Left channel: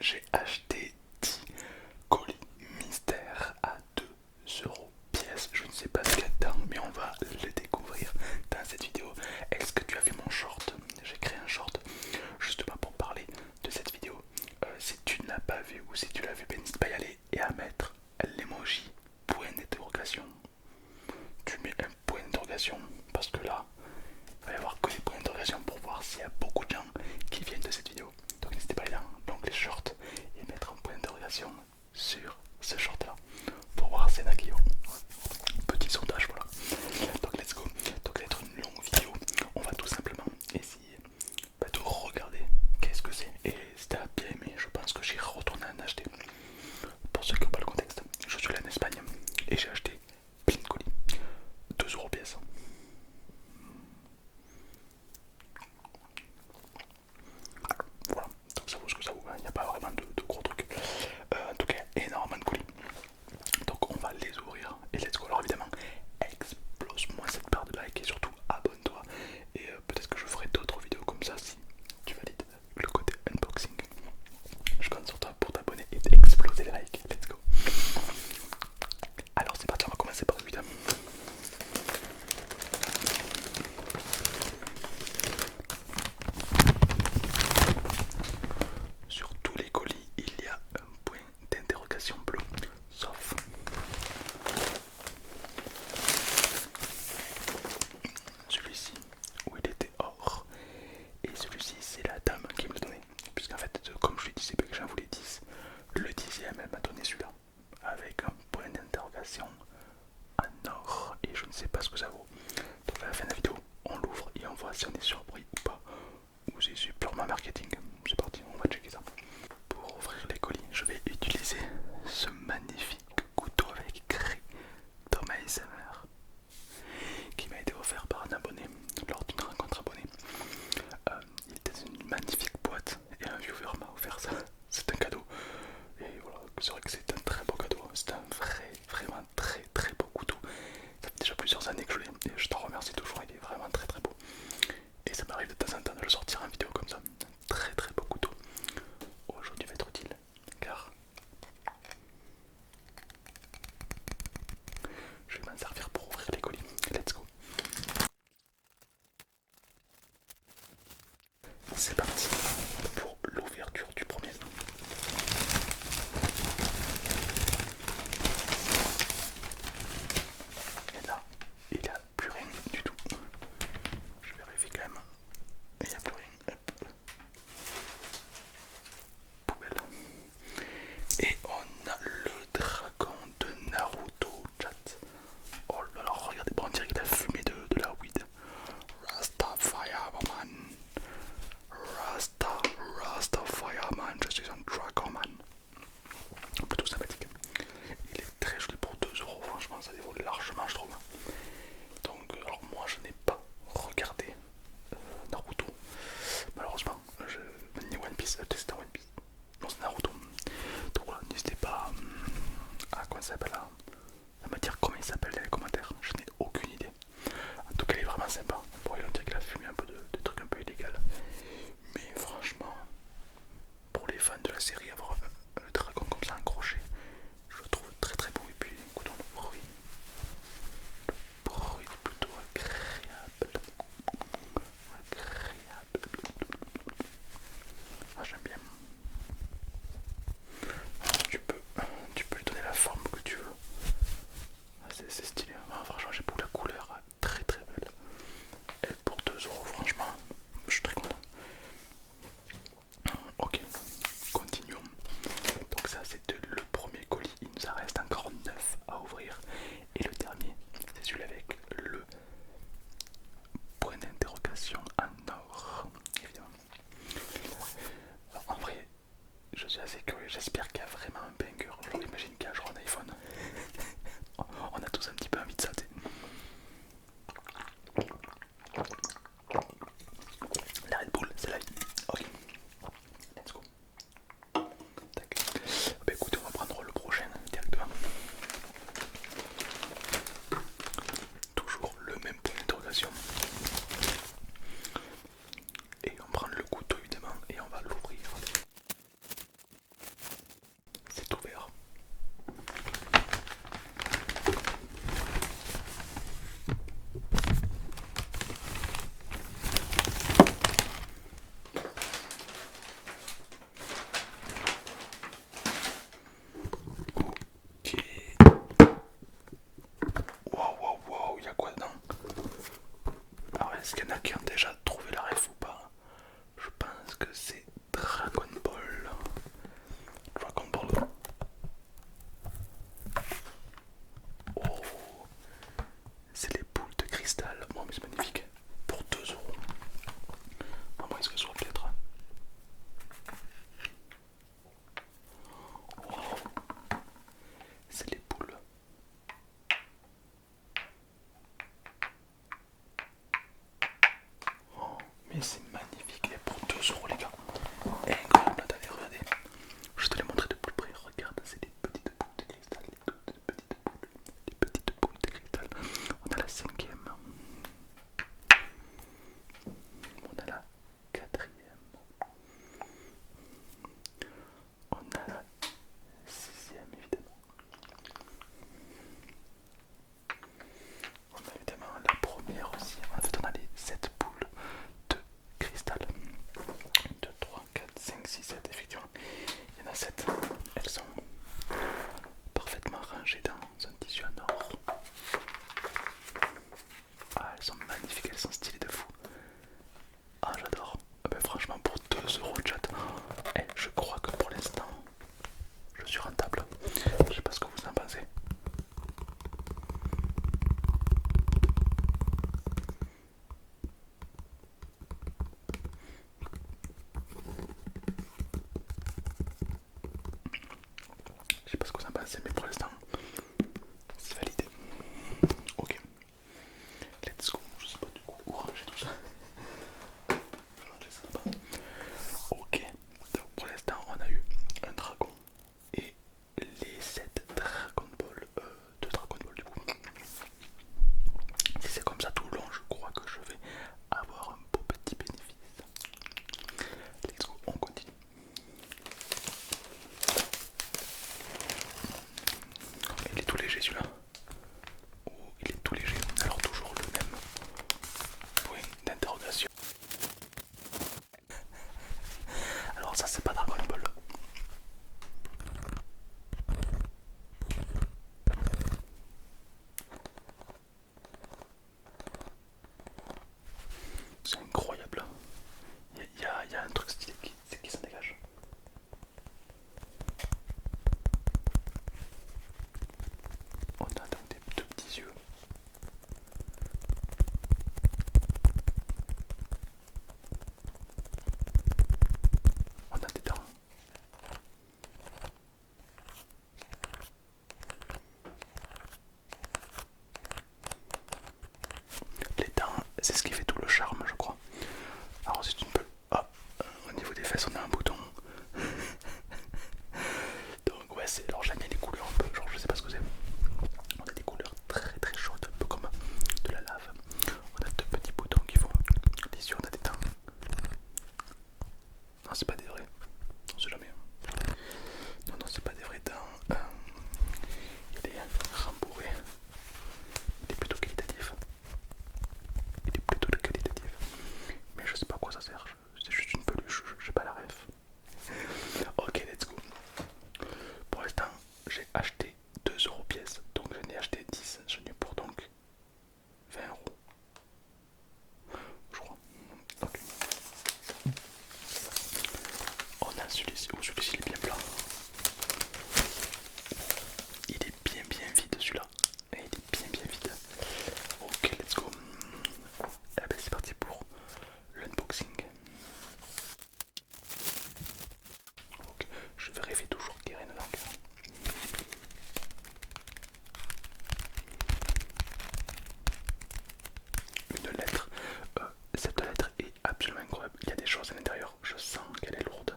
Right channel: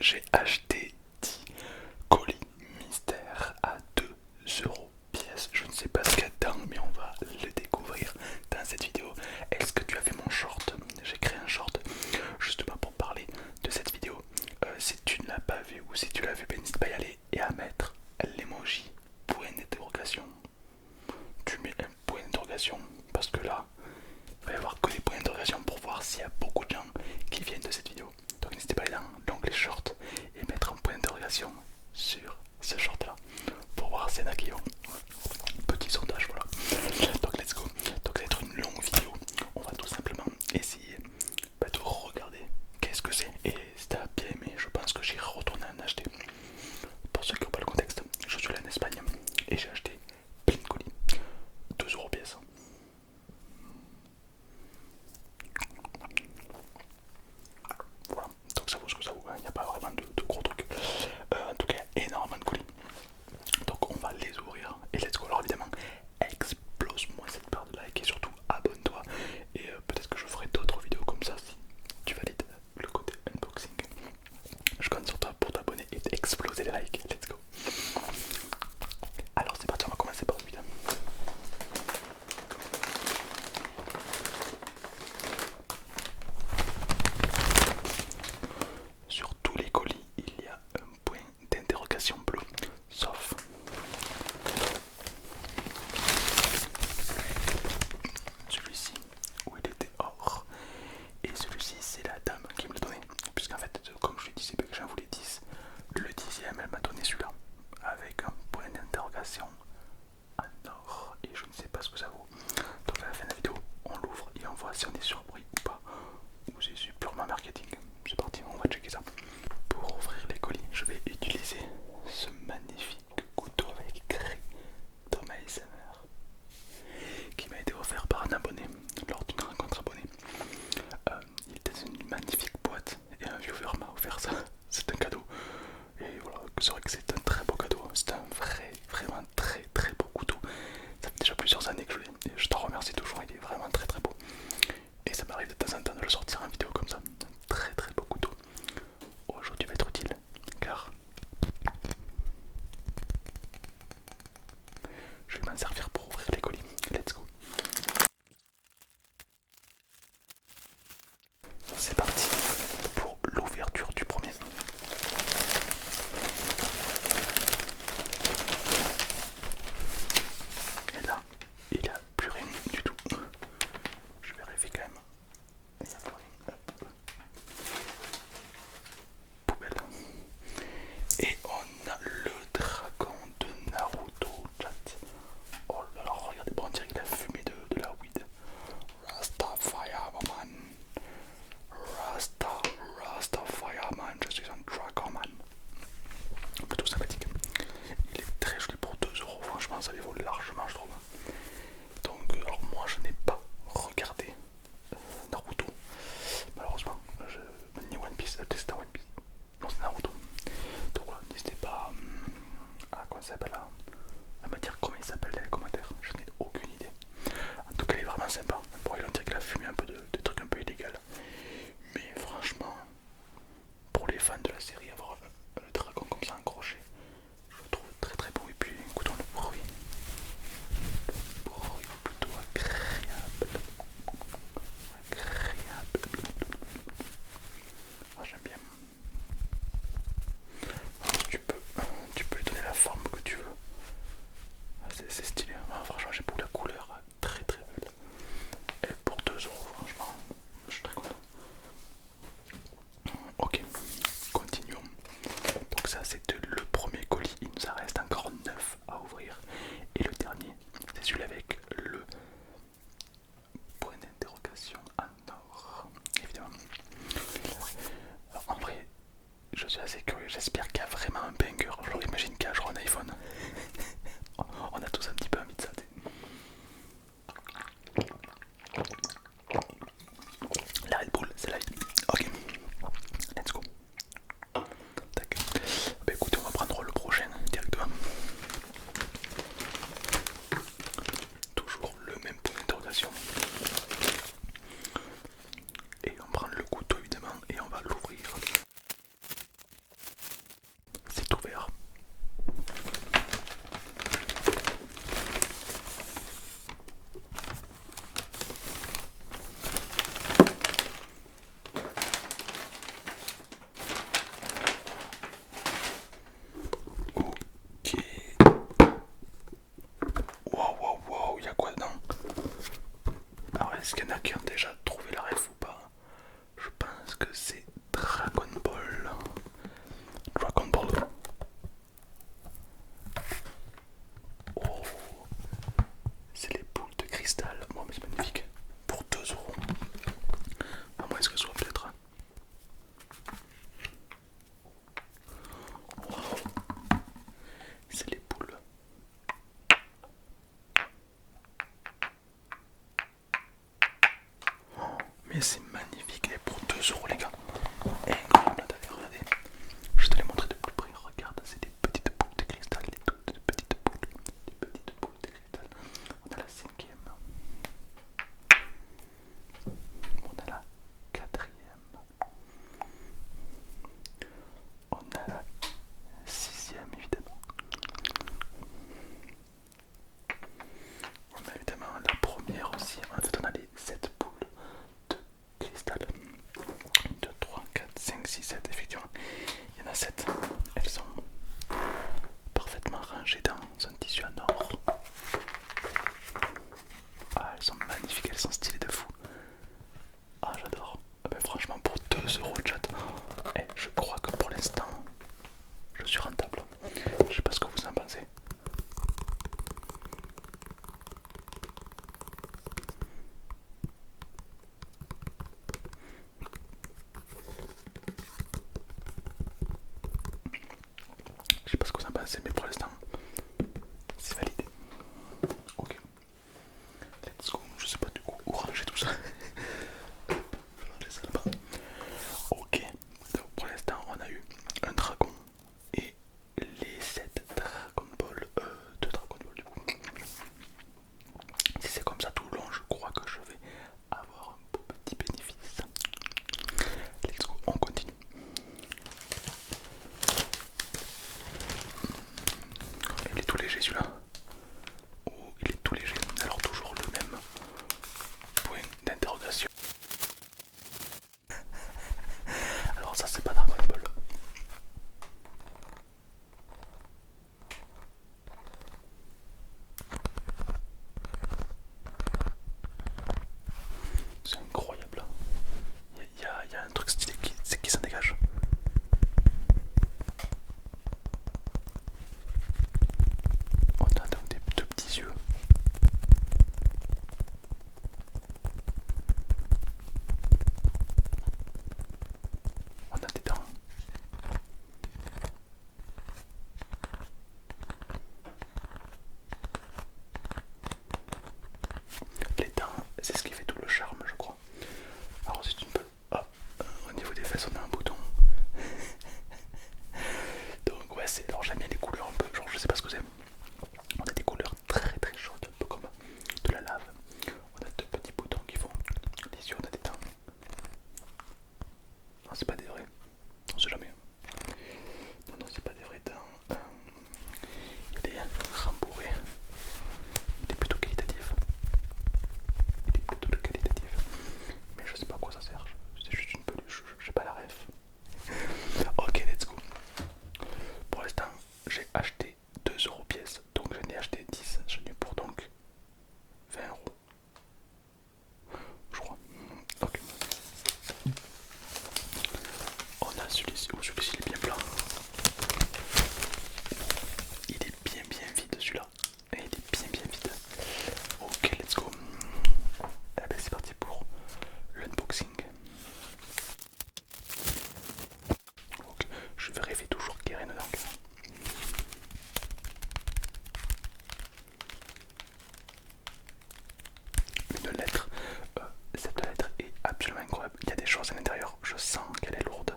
j'ai acheté 10 colis mystères à 2 euros pièce. Je ne sais pas ce qu'il y a dedans, mais on va le découvrir dans cette vidéo. Est-ce que tu as vu mon short? J'ai créé un short justement pour parler de cette vidéo. Si tu ne l'as pas vu ou si tu l'as vu, ben, n'hésite pas à y aller et à mettre l'emoji point d'interrogation. Tu mets un point d'interrogation parce que là, il va y avoir que des points d'interrogation pour voir s'il y a beaucoup de gens qui viennent de cette vidéo. Donc n'hésitez pas à aller dans l'onglet short et mettre un point d'interrogation sur ce short là pour voir s'il y en a qui ont. Petit sondage, voilà. Donc let's go. Donc ça va être une longue vidéo. On va tout simplement essayer de regarder qu'est-ce que c'est. Et si t'as bien aimé, je pense que j'irai retourner en acheter. Pour ceux qui n'ont pas le contexte, je suis là en Espagne et j'ai acheté plein de colis. 2 euros pièce. Voilà, donc ça vaut ce que ça vaut, il n'y a pas vraiment de gros trucs. En tout cas, énormément de colis. Donc on va les ouvrir et let's go. Alors évidemment, explose-moi cette barre de like et surtout abonne-toi. Et peut-être que je ferai d'autres vidéos comme ça si tu valides le côté unboxing. Je compte sur toi pour t'abonner et d'exploser les likes. Let's go. Alors c'est parti, on va commencer par celui-là. Sur tous les colis, il y a un point d'interrogation bleu, sauf celui-ci où il était or. Et celui-ci, c'est la dame qui me l'a donné. Puisqu'en fait, comme je lui disais que j'en voulais 10, le 10e, elle m'a donné celui-là. Avec un point d'interrogation en or. Et je ne sais pas ce que ça vaut. Donc à la fin de la vidéo, on l'ouvre et on voit si on est surpris ou pas. Ou c'est purement marketing. C'est parti, on va checker ça. Pour ouvrir les colis, je vais utiliser ce magnifique couteau avec craie Thomas ASMR qui m'a été offert par un abonné lors d'une rencontre abonnée. Il était une magnifique boîte et un viewer m'a offert ça. C'est un cadeau. Et voilà, c'est vrai que c'est un très beau cadeau. C'est un vraiment très beau couteau. Ça fait déjà plusieurs années que je l'ai et je t'en remercie toujours. Il est vraiment très beau. Et ça m'arrive de temps en temps de le sortir en vidéo comme ça. Un très beau couteau. Aujourd'hui va être utile car je vais m'en servir pour ouvrir les colis. Let's go. C'est parti pour l'ouverture du premier. Et là, il n'y a plus rien du tout. Je vérifie quand même. Il n'y a plus rien. Hop. Poubelle. Et on a le dragon de Naruto, chat. Oh là là, regardez, bon, on dirait qu'il a fumé de la weed. Rasta Fireman, je suis un Dragon Man. Plutôt sympathique. Il est très joli pour 2 euros, franchement, ça les vaut largement, je trouve. Donc, alors moi, je n'ai pas regardé Naruto, malheureusement. Ni One Piece, c'est One Piece. Non, c'est Naruto. Donc voilà, n'hésitez pas à, comment ça s'appelle, à me dire comment il s'appelle dans les commentaires. Je n'ai aucune idée. En tout cas, il est vraiment sympa. Bon, il on dirait qu'il a fumé un peu de trucs un peu illégaux. Mais franchement, pour les fans de la série, avoir le dragon comme ça, un crochet, je le trouve très beau. Et puis, écoutons le bruit. Le bruit plutôt agréable. Moi, j'aime bien. Tu peux lui donner la forme que tu veux. C'est stylé. Franchement, j'aime beaucoup la couleur. Très belle. Et pour 2 euros, franchement, je suis très content. Ok, continuons. Donc ça c'était le premier colis, il nous en reste encore 9 à ouvrir. Et le dernier, c'est celui avec le point d'interrogation en or, évidemment. Alors, en vrai, je suis assez curieux, j'espère qu'il y a vraiment un banger. Alors imagine qu'il y a genre un iPhone. On a tous un petit peu envie de ça, t'sais. La Red Bull, c'est là. Ok, let's go. Tac. Bah écoutez, on va prendre le prochain directement. Toujours le même point d'interrogation. Et on prend le couteau évidemment et on va l'ouvrir. pincettes, elles sont parfaitement rangées dans un tissu en or. Ah, elles sont magnifiques, elles sont stylées de fou. Ah, j'adore. Ah ben, franchement, pour 2€ de chat, je crois que pour l'instant, je suis rentable. Je sais pas ce que vous en pensez. Je sais pas ce que vous en pensez, mais pour l'instant, c'est validé. Ok, let's go. Je sais pas du coup où ranger tout ça. Ranger ça là-bas. Ok, donc pour l'instant, on a eu un dragon et les 7 Dragon Ball de Dragon Ball du coup. Si c'est comme ça tout le long, je crois que je vais avoir un beau petit bénéfice. Let's go, on continue. Il est tout léger celui-là. Oh, il est tout léger. Alors toujours le même point d'interrogation. Alors ça c'est pas Dragon Ball. C'est incroyable. Il y a un truc stylé qui s'en dégage. On a donc des deux petits yeux. On a des dents. Les dents, c'est ce qui fait tout le charme, je crois. Alors si tu peux, hop, au niveau des fesses, on a un bouton. Donc ouais, c'est, alors j'aime bien les couleurs un peu, genre je sais pas ce que c'est. On a des couleurs très très chaudes, un peu comme de la lave. On a deux petits boutons qui font les yeux, on a des dents. Non, c'est pas des vrais, on sait jamais. Non, non, c'est pas des vrais dents. Il est rembourré. Il est plutôt qualitatif. Il est plutôt qualitatif. Mais je sais pas à quoi ça sert. C'est juste une peluche, j'ai pas la ref. Ok, let's go. Pour l'instant, j'ai acheté 2€ pièce. Donc j'en ai acheté 10. J'en ai pour donc 20€. Je crois. Ok. On a celui-ci. Oh, celui-ci il est bien plat. Il est bien vide celui-là. Il est bien vide. Ok, let's go. Ah ben c'est parti pour l'unboxing. Ok, je vérifie toujours qu'il n'y a rien dedans. Une lettre. Cette lettre est absolument incroyable. Il y a des choses à l'intérieur. Je sens qu'elle est lourde.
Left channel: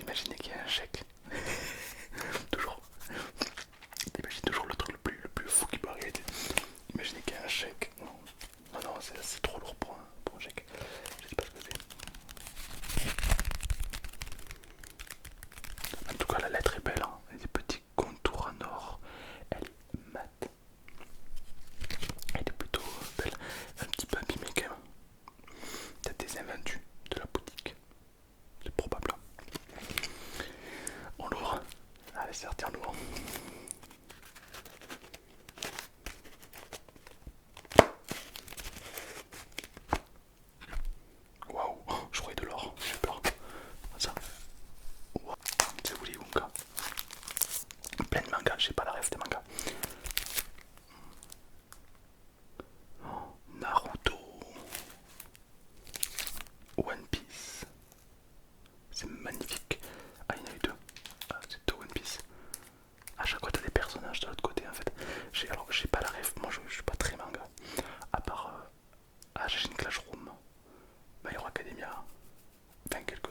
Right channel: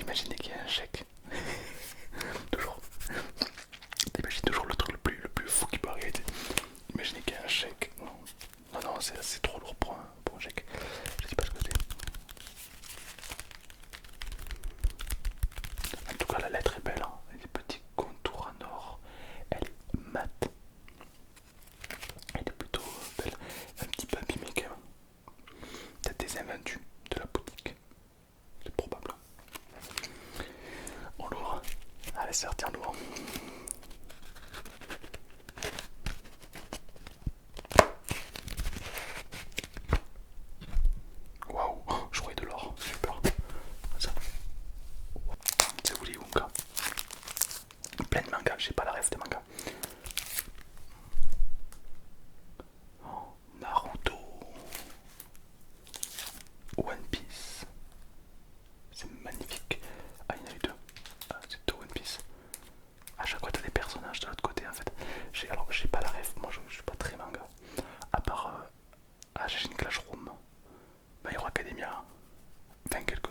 Imaginez qu'il y a un chèque. Toujours. Imaginez toujours le truc le plus fou qui peut arriver. Imaginez qu'il y a un chèque. Non, non, c'est trop lourd pour un chèque. Je sais pas ce que c'est. En tout cas, la lettre est belle. Hein. Elle a des petits contours en or. Elle est mate. Elle est plutôt belle. Un petit peu abîmée quand même. Peut-être des invendus de la boutique. C'est probable. On l'ouvre. Allez, c'est parti, on l'ouvre. Waouh, je croyais de l'or. J'ai peur. Ça. C'est Willy Wonka. Plein de mangas, j'ai pas la ref des mangas. Naruto, One Piece, c'est magnifique. Ah, il y en a eu deux. Ah, c'est deux One Piece. À chaque fois, t'as des personnages de l'autre côté en fait. Alors, j'ai pas la ref, moi je suis pas très manga. À part Assassin's Clash Room, My Hero Academia, enfin quelques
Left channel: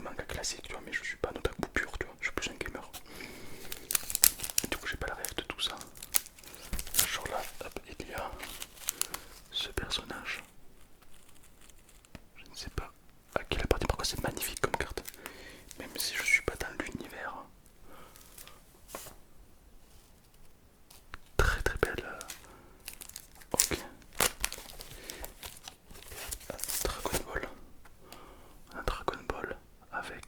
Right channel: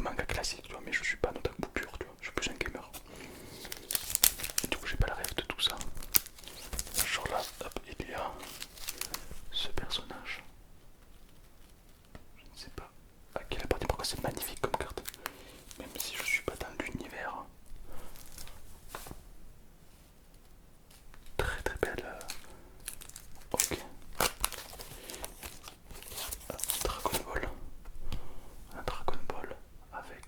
mangas classiques, tu vois, mais je suis pas un otaku pur, tu vois, je suis plus un gamer. Du coup, j'ai pas la ref de tout ça. Genre là, hop, il y a ce personnage. Je ne sais pas à qui il appartient, pourquoi c'est magnifique comme carte. Même si je suis pas dans l'univers. Très très belle. Ok. Dragon Ball. Un Dragon Ball avec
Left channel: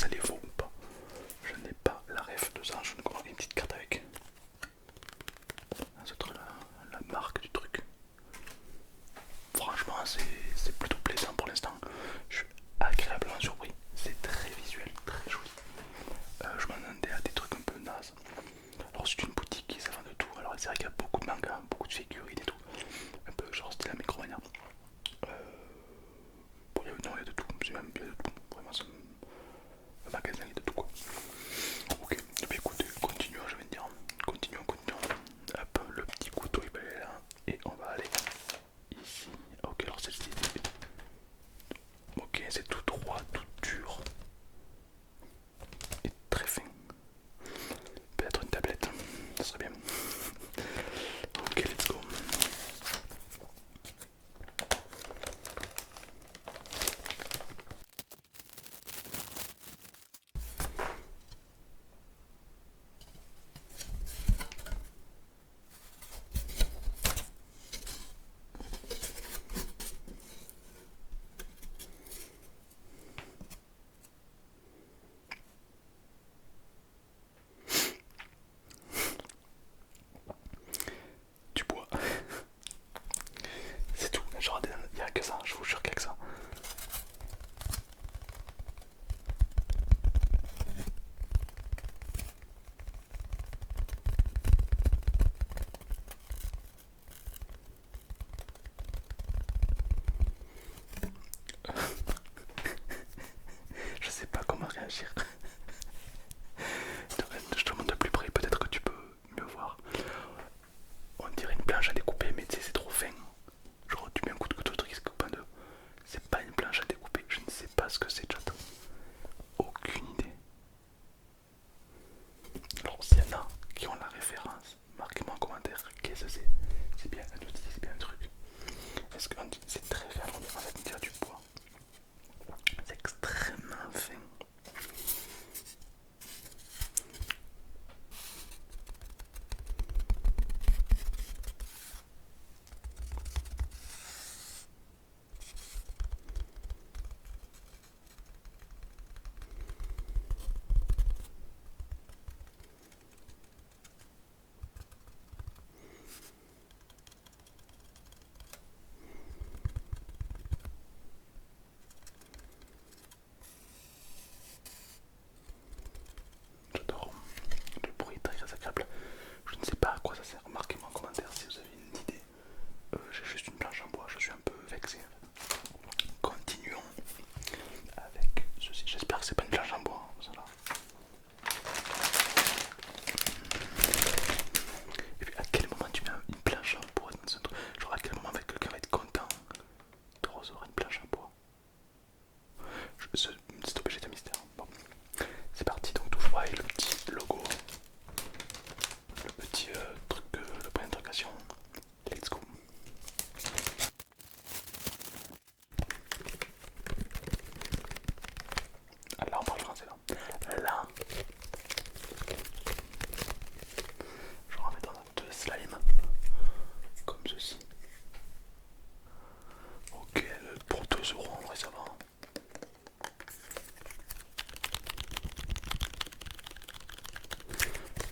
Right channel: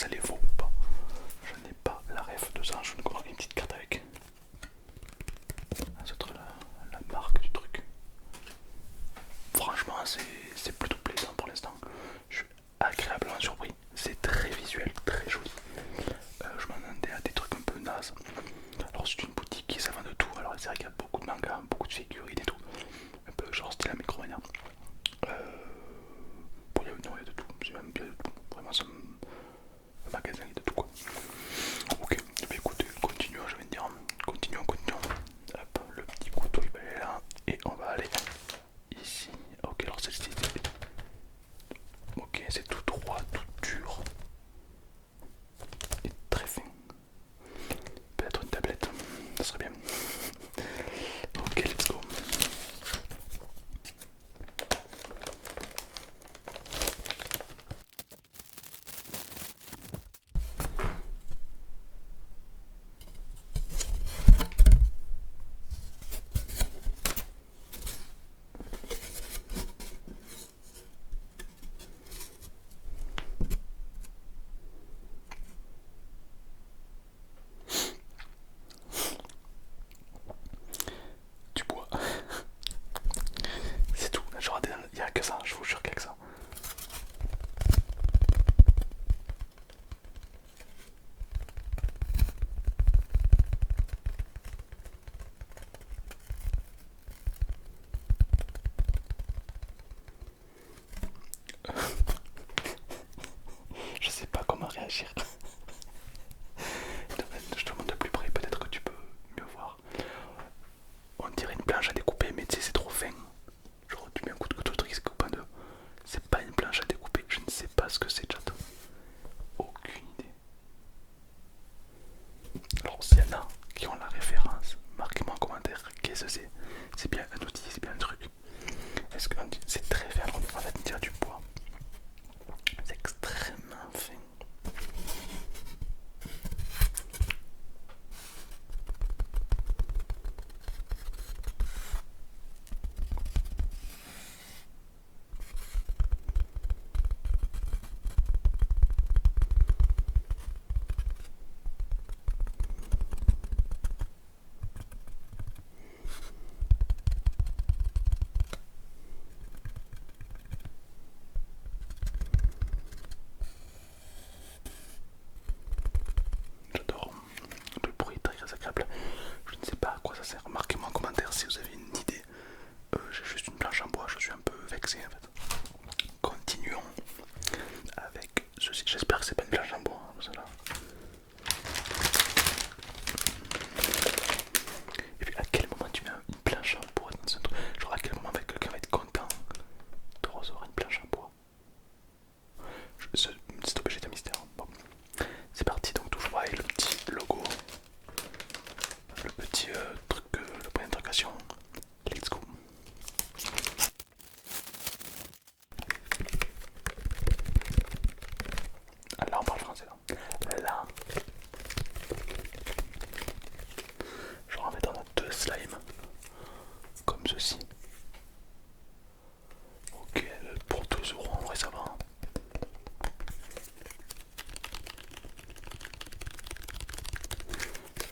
ça les vaut ou pas. Je n'ai pas la ref de ça, je ne connais une petite carte avec. C'est la marque du truc. Franchement, c'est plutôt plaisant pour l'instant. Je suis agréablement surpris. C'est très visuel, très joli. Je m'attendais à des trucs un peu nazes. Alors, c'est une boutique qui s'en vend de tout. Alors, c'est vrai qu'il y a beaucoup de mangas, beaucoup de figurines et tout. Un peu genre style Micromania. Bon, non, il y a de tout. C'est même il y a de tout. Vraiment, c'est un magasin, il y a de tout quoi. Ok, et bien écoutez, continuons, je vais dire. Continuons. Hop, le petit couteau vert. Et on va aller ici. Ok, alors celle-ci. Ok, c'est tout droit, tout dur. Et très fin. Peut-être une tablette, ça serait bien. Ok, let's go. Du bois. C'est tout, genre, il n'y a que ça, je vous jure qu'il n'y a que ça. Je sais pas comment réagir. Je te montre de plus près, peut-être que tu peux mieux voir. On dirait une planche à découper, mais tu sais, c'est trop fin. Genre, tu mets un coup de couteau, le truc qui se coupe en deux. C'est pas une planche à découper, je ne sais pas ce que c'est, chat. Aucune idée. Alors, s'il y en a qui ont la référence, marquez-moi en commentaire qu'est-ce que c'est. C'est bien un outil, c'est bien un truc. Est-ce que c'est très fin? En fait, on dirait du bois. C'est extrêmement fin. J'adore. Le bruit est très agréable. Je ne sais pas à quoi ça sert. Marquez-moi en commentaire si vous avez une idée. J'ai juste une planche en bois, je suis un peu vexé en fait. Continuons avec ceci. J'espère que c'est pas une planche en bois, hein, celle-là. Et puis à quel moment tu mets une planche en bois dans un truc? Genre à quel moment quelqu'un va être content de recevoir une planche en bois? C'est obligé d'un mystère. Bon, c'est parti, donc toujours pareil, le petit logo, le petit truc, le point d'interrogation. Let's go. Ah, là on parle français là. Là, genre en fait on a deux slimes comme ceci. Ok, pour 2 € en vrai ça va.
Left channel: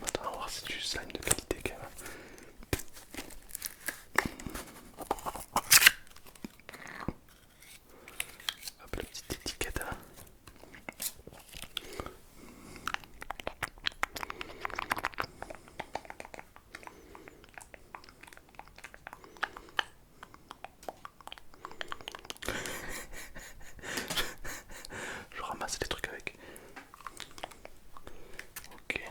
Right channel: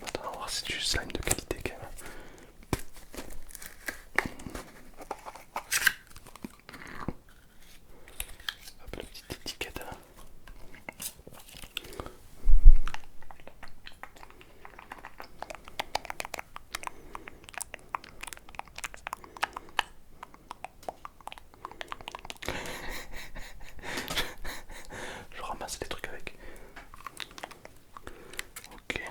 Maintenant on va voir si c'est du slime de qualité quand même. Hop, la petite étiquette là. Je ramasse des trucs avec. Ok.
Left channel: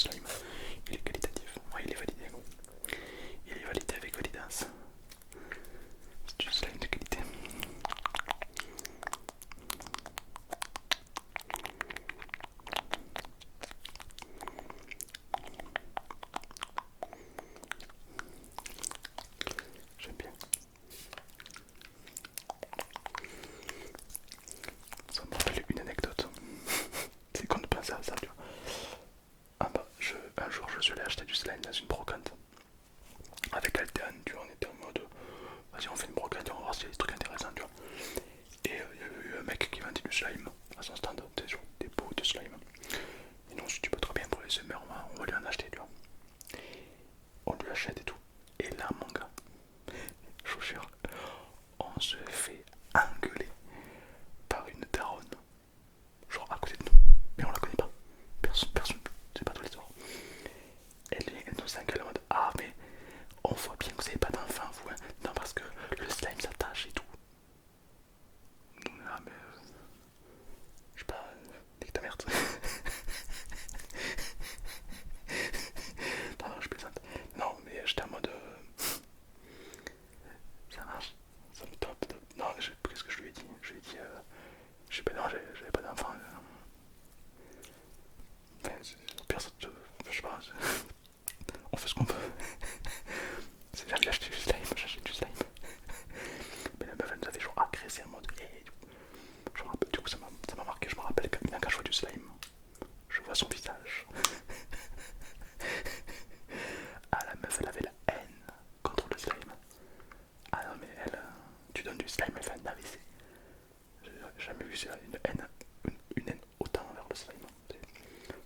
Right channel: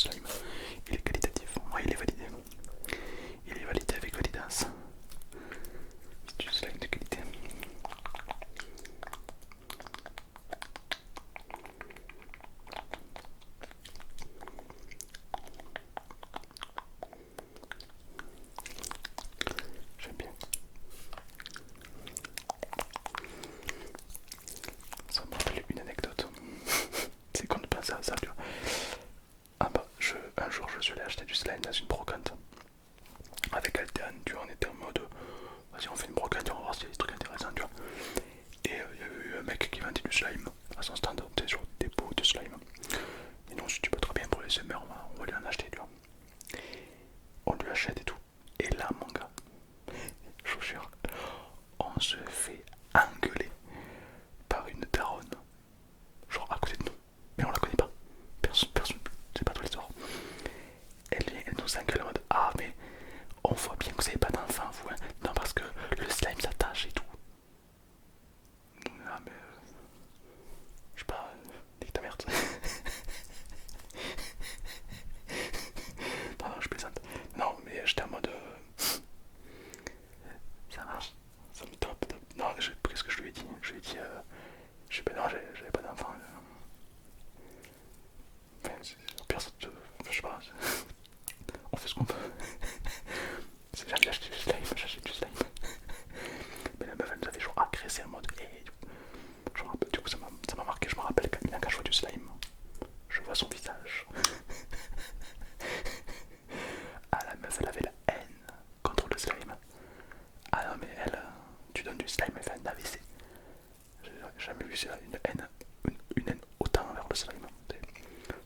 slime. Il est qualitatif. Ouais, il est validé. Il est validé avec Validas. C'est du slime de qualité. J'aime bien. Ça me rappelle une anecdote. C'est quand on pense à ça, tu vois. Ah bah, un jour je suis allé acheter du slime dans une brocante. Avec Altean, tu vois, on était en mode vas-y, on fait une brocante, on va voir s'il y a des trucs intéressants, tu vois. Et il y avait eu un mec qui vendait du slime à son stand, tu sais, sur des pots de slime. Et nous on s'est dit, pas trop bien pour les SMR, on va lui en acheter, tu vois. On lui achète et tout. Et là, mon gars, je vous jure, on se fait engueuler par une daronne, genre à côté de nous. Mais on la connaît pas. Personne, c'est pas tous les soirs. Elle nous engueule en mode ah, mais on voit bien que vous avez pas d'enfant, vous, hein. Non, parce que le slime s'attache et tout. Ah, mais je sais pas, nique ta merde. Non, je plaisante. Non, mais j'étais en mode ça marche, ça me top. Non, qu'est-ce que je lui ai dit? Je lui ai dit, je sais pas, non, j'avais pas d'enfant. Enfin, au pire, je sais pas, on fait ce qu'on peut. J'ai jamais acheté du slime, j'achète du slime. Mais la meuf, elle nous avait genre agressé en mode hey. Du coup, ça m'a marqué. Je me rappelle quand je vois du slime, je vois son visage. Ah, la meuf, elle avait la haine contre le slime. Ah non, mais elle, tu donnes du slime, elle fait un AVC. J'ai jamais vu ça, une haine autant envers le slime.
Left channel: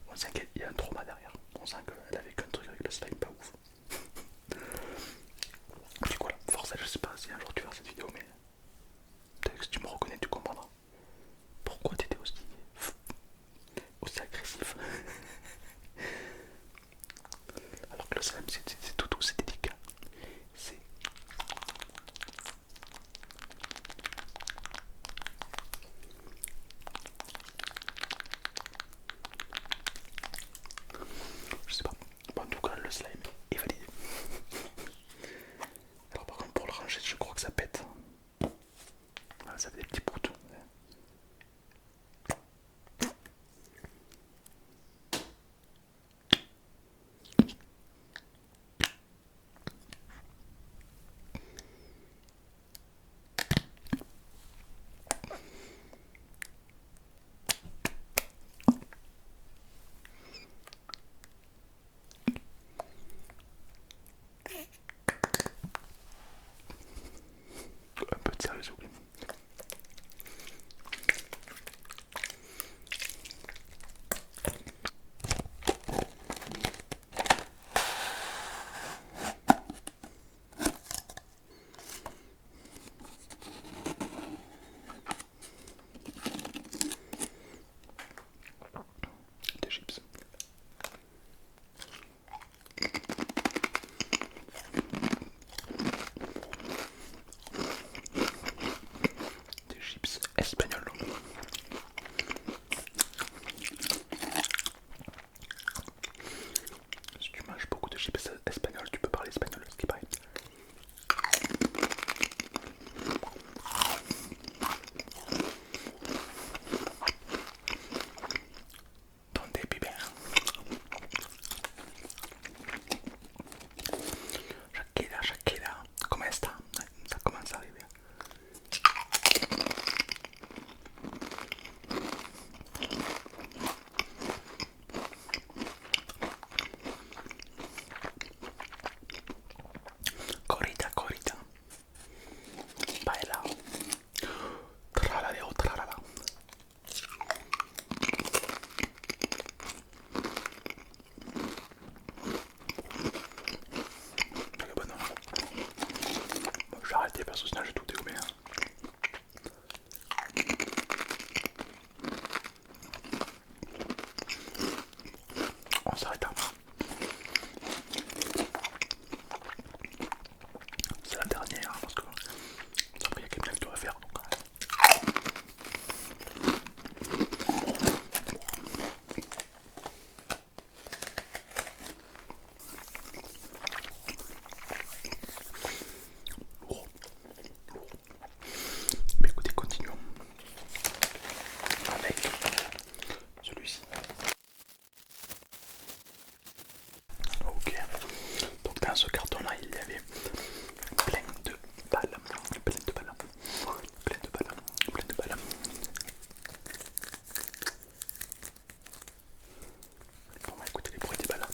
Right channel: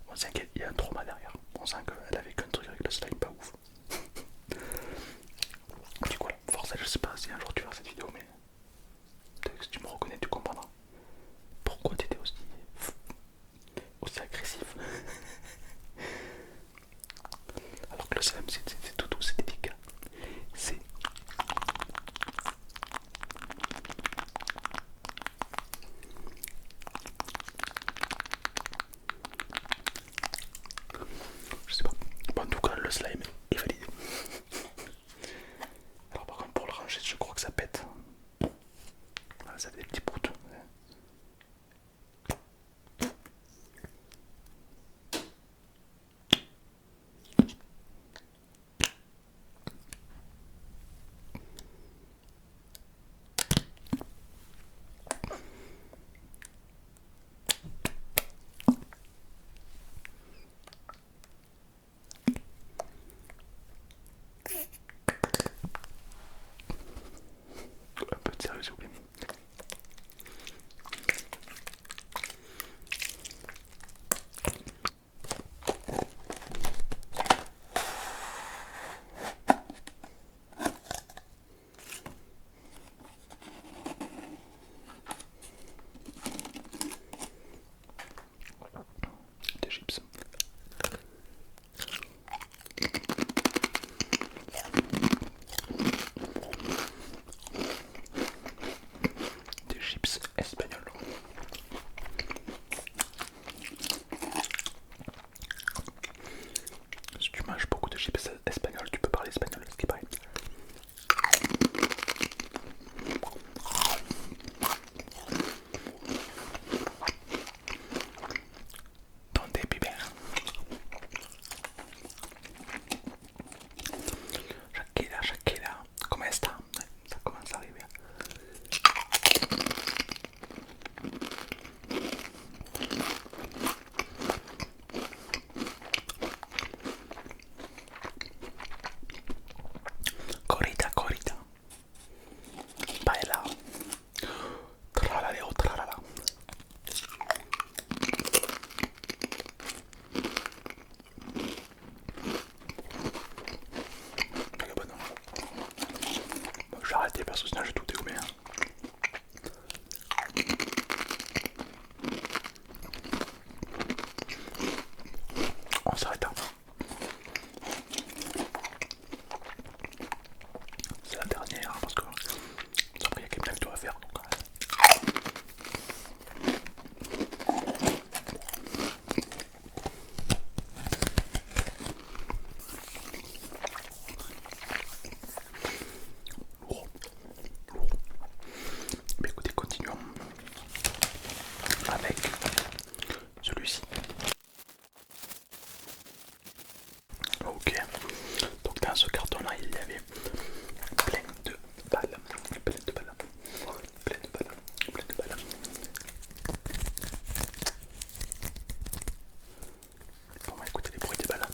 On sent qu'il y a un trauma derrière. On sent qu'elle avait qu'un truc avec le slime, pas ouf. Du coup, là, forcément, je sais pas si un jour tu vas voir cette vidéo, mais peut-être que si tu me reconnais, tu comprendras. Pourquoi t'étais aussi agressif? Alors que le slime, c'est tout doux, c'est délicat. C'est. Je sais pas. Bon, en tout cas, le slime est validé. Alors, par contre, pour le ranger, je crois que ça pète. Voilà, ça fait des petits bouts. Un peu de sérieux, s'il vous plaît. Des chips. Des chips espagnols. Si tu manges beaucoup de chips espagnols, tu peux parler espagnol, ce qui est pareil. Donde vive? Shakira, comment est-ce que ça commence à arriver? Ok. Donc dans ce carton-là, il y avait plein de balles. Plein de balles. Plein de balles. Plein de balles. Bon, on va écouter les bruits des balles.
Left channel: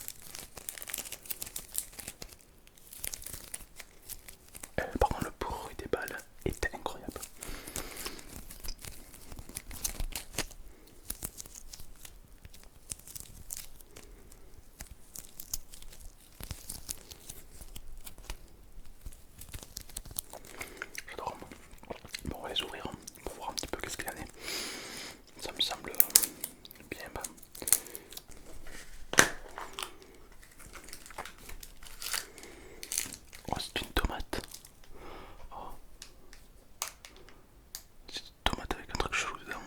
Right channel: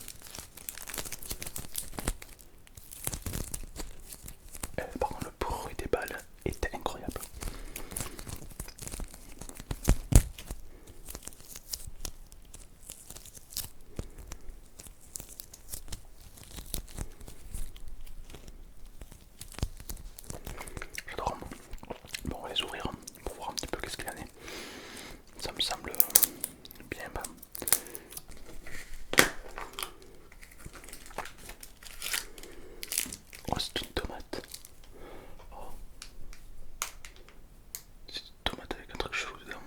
Par contre, le bruit des balles est incroyable. J'adore. Bon, on va les ouvrir pour voir un petit peu qu'est-ce qu'il y en a. Ça me semble bien. Oh, c'est une tomate. Oh. C'est une tomate avec un truc chelou dedans.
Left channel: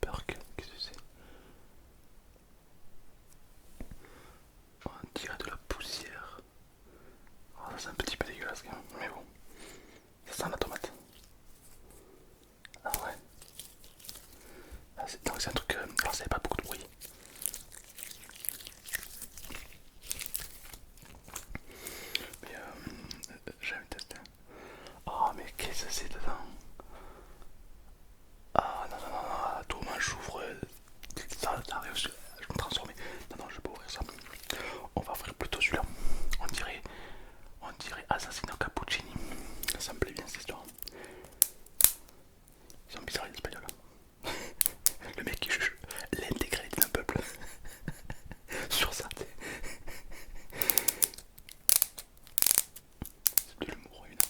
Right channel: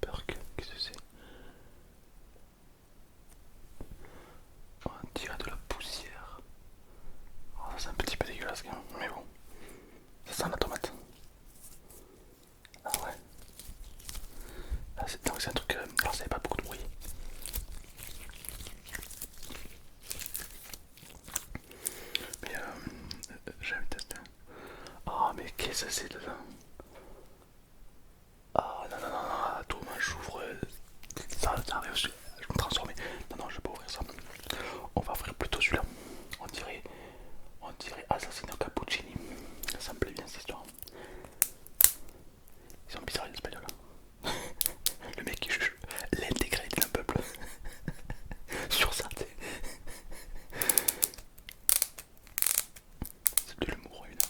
Perk, qu'est-ce que c'est? Oh, on dirait de la poussière. Oh, ça c'est un petit peu dégueulasse quand même, mais bon. Ça sent la tomate. Ah ouais. Ah, donc c'est un truc. Alors ça n'avait pas beaucoup de bruit. Mais j'aime tester. Oh mais qu'est-ce que c'est dedans? Ah non non non non, attends, moi j'ouvre ça arrive, je vais me transformer. Non non, je vais pas ouvrir ça. On va ouvrir plutôt celui-là. On dirait Assassino Cappuccini. Ça me plaît bien cette histoire. Ils sont bizarres les espagnols. Le mec qui juge l'intégralité d'un peuple sur ça. C'est de l'humour évidemment.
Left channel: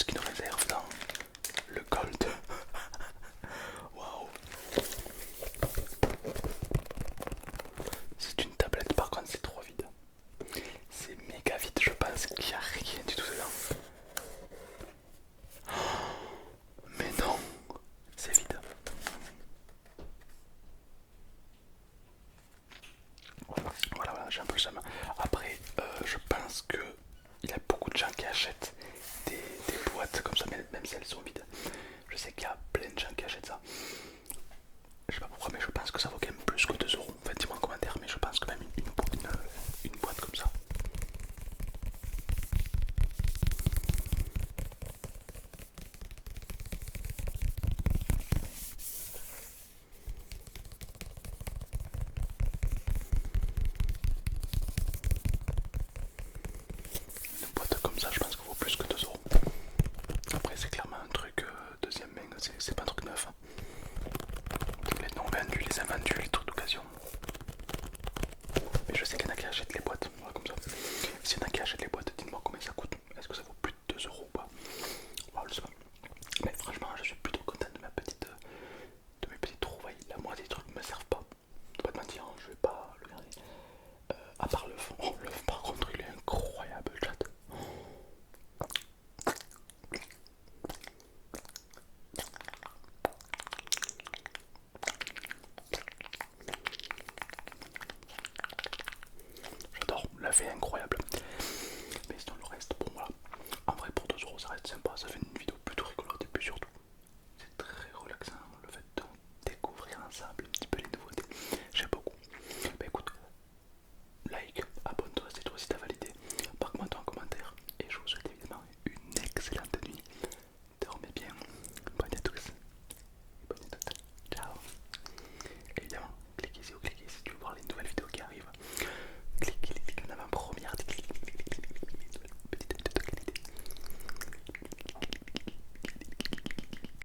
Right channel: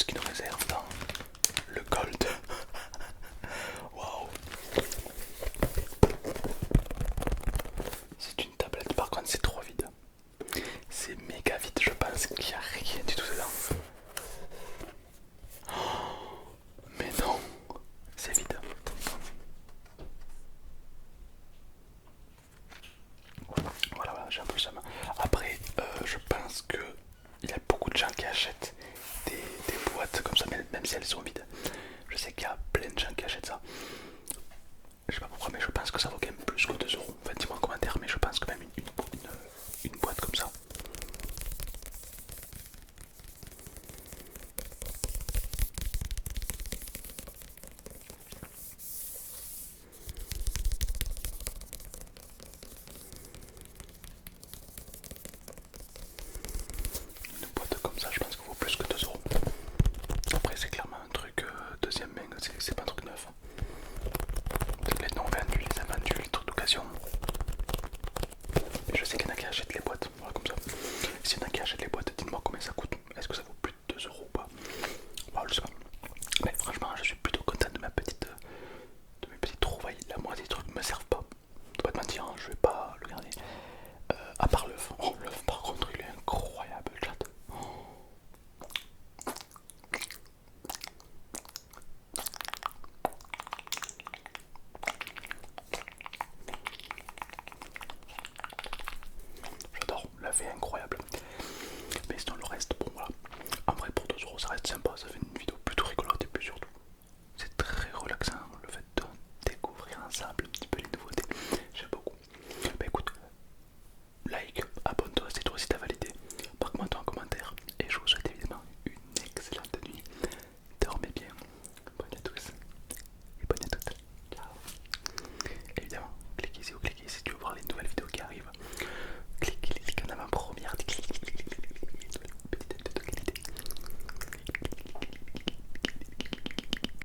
ce qui nous réserve dans le gold. Waouh. C'est une tablette, par contre c'est trop vide. C'est méga vide, je pense qu'il n'y a rien du tout dedans. Mais non, c'est vide. Voilà, j'ai un peu ça. Après, je pense que il y a beaucoup de gens qui achètent des boîtes comme ça, même si elles sont vides. Je sais qu'il y a plein de gens qui achètent ça. Je sais pas pourquoi, mais je pense que ça vaut quand même plus que 2 euros. En fait, dis-moi en commentaire, mais je pense que même